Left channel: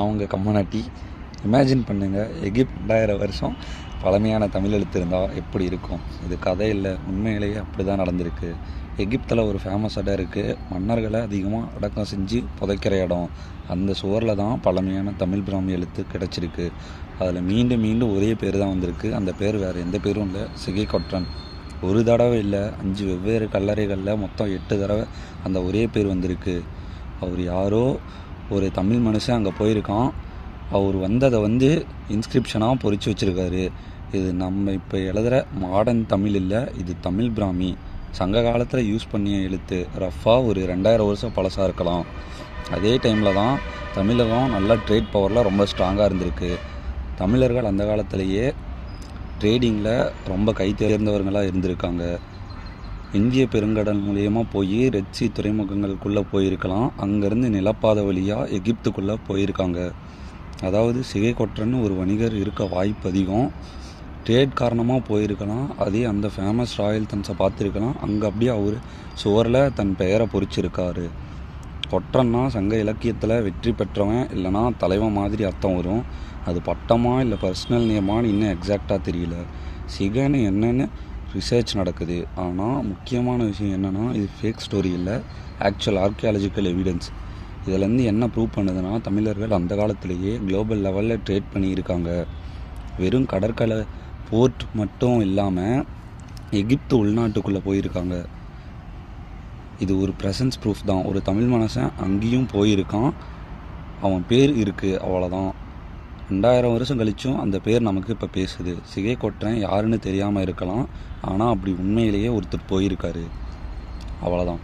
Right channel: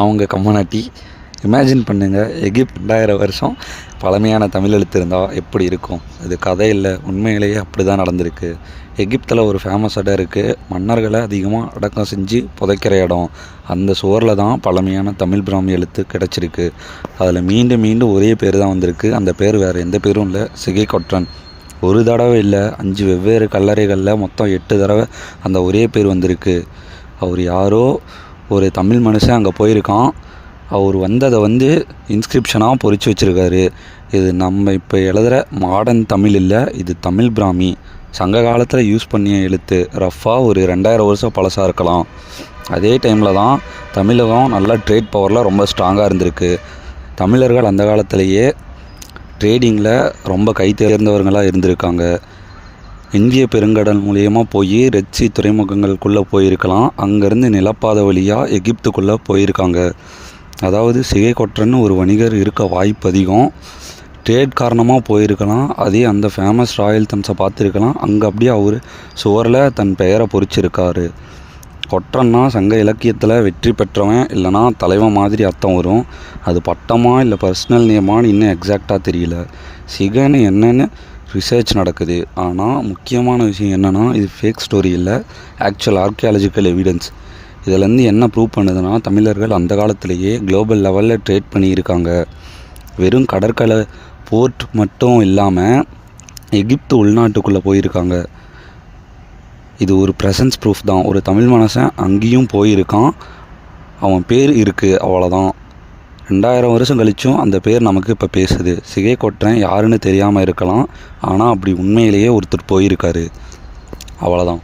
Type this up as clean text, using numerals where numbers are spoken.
அவங்க கம்மானாட்டி. இமேஜின் பண்ணுங்கள், எகிப்த் 2000 வருஷம் பழமையான தமிழ் எழுத்து இருந்தால் எப்படி இருக்கும்? இது கதை இல்லை, உண்மையிலேயே அப்படி தான் நடந்திருக்கு. எகிப்தில் ஒரு ஃபேமஸ் இடம் இருக்குது, மன்னர்களை அதிகமாக அடக்கம் செஞ்சு புதைக்கிற இடம். அந்த சுவரில் தான் பழமையான தமிழ் பிராமி எழுத்து கிடச்சிருக்கு. அதில் மீண்டும் மீண்டும் ஒரே பேர் தான் வந்திருக்கு. அந்த பேர் வேறு எந்த பேரும் இல்லை, சிகை கொற்றன். ஒரு தடவை இல்லை, 5 வெவ்வேறு கல்லறைகளில் மொத்தம் 8 தடவை அந்த ஒரே பேர் வந்திருக்கு. அவர் யாரோ ஒரு தமிழ் மனுஷன் அங்கே போயிருக்கான். அவர் வந்ததை இன்ஸ்கிரிப்ஷனாக பொறிச்சு வச்சுருக்காரு. இது நம்ம இப்போ எழுதுகிற மாடர்ன் தமிழ் இல்லை, இது தமிழ் பிராமி. சங்க காலத்தில் யூஸ் பண்ணிய எழுத்து. ரஃபாக ஒரு 2000 வருஷம் பழசாக இருக்கலாம். அதே டைமில் தான் தமிழகம் நல்ல ட்ரேட் பவரில் ரொம்ப ஸ்ட்ராங்காக இருந்திருக்கு. தமிழர்கள் அந்த காலத்திலேயே ட்ரேடிங்கில் ரொம்ப கை தேர்ந்தவர்களாக இருந்திருக்காங்க. இந்திய பெருங்கடல் மூலியமாக போய் ரெட்சி துறைமுகங்களுக்குள்ளே போயிருக்கலாம். அங்கேருந்து நிலப்பாதை வழியாக எகிப்துக்குள்ளே போயிருக்காங்க. அதாவது சிகை கொற்றன்னு ஒரு வணிகர் இருக்க வாய்ப்பு அதிகம். ட்ரேட் காரணமாக போயிருக்கலாம். அதே அந்த ஃபேமஸ் ராயல் தம்ஸை பார்த்துருக்கலாம். அங்கே அப்படியே அவர் சுவரில் தன் பெயரை பொறிச்சிருக்காரு. கொற்றன்னா சங்க இலக்கியத்தில் வெற்றி பெற்றவன் இல்லைனா தலைவன் மாதிரி அர்த்தம் வரும். அது பட்டமா இல்லை பர்சனல் நேமான்னு இன்னும் எக்ஸாக்டாக தெரியல. சிகைன்னு என்னென்னு ரிசர்ச் நடக்குது. ஆனால் முக்கியமான விஷயம் என்னென்னா, இது ஃபேக் ஸ்டோரி இல்லை, ஆக்சுவல் ஆர்கியாலஜிக்கல் எவிடன்ஸ். இதிலேருந்து என்ன ப்ரூவ் பண்ணுதுன்னா, தமிழர்கள் அந்த காலத்திலேயே குளோபல் லெவலில் ட்ரேட் பண்ணியிருக்காங்க. வெறும் கடற்கரை போர்ட் மட்டும் இல்லாமல் எகிப்து உள்நாட்டுக்குள்ளே போயிருக்காங்க. இது ஒரு ப்ரெசன்ஸ் ப்ரூஃப் தான். ஒரு தமிழ் மனுஷன் அங்கேயும் போயிருக்கான், அவன் பேர் இருக்குது, அவ்வளோதான். 2000 வருஷம் கழிச்சும் அந்த பேர் நமக்கு இப்போ பேசுது. சிகை கொற்றன் யாருன்னு தெரியாமல் இருக்கலாம், ஆனால் அப்படி உண்மையிலேயே ஒருத்தர் போயிருக்காரு, அவ்வளோதான்.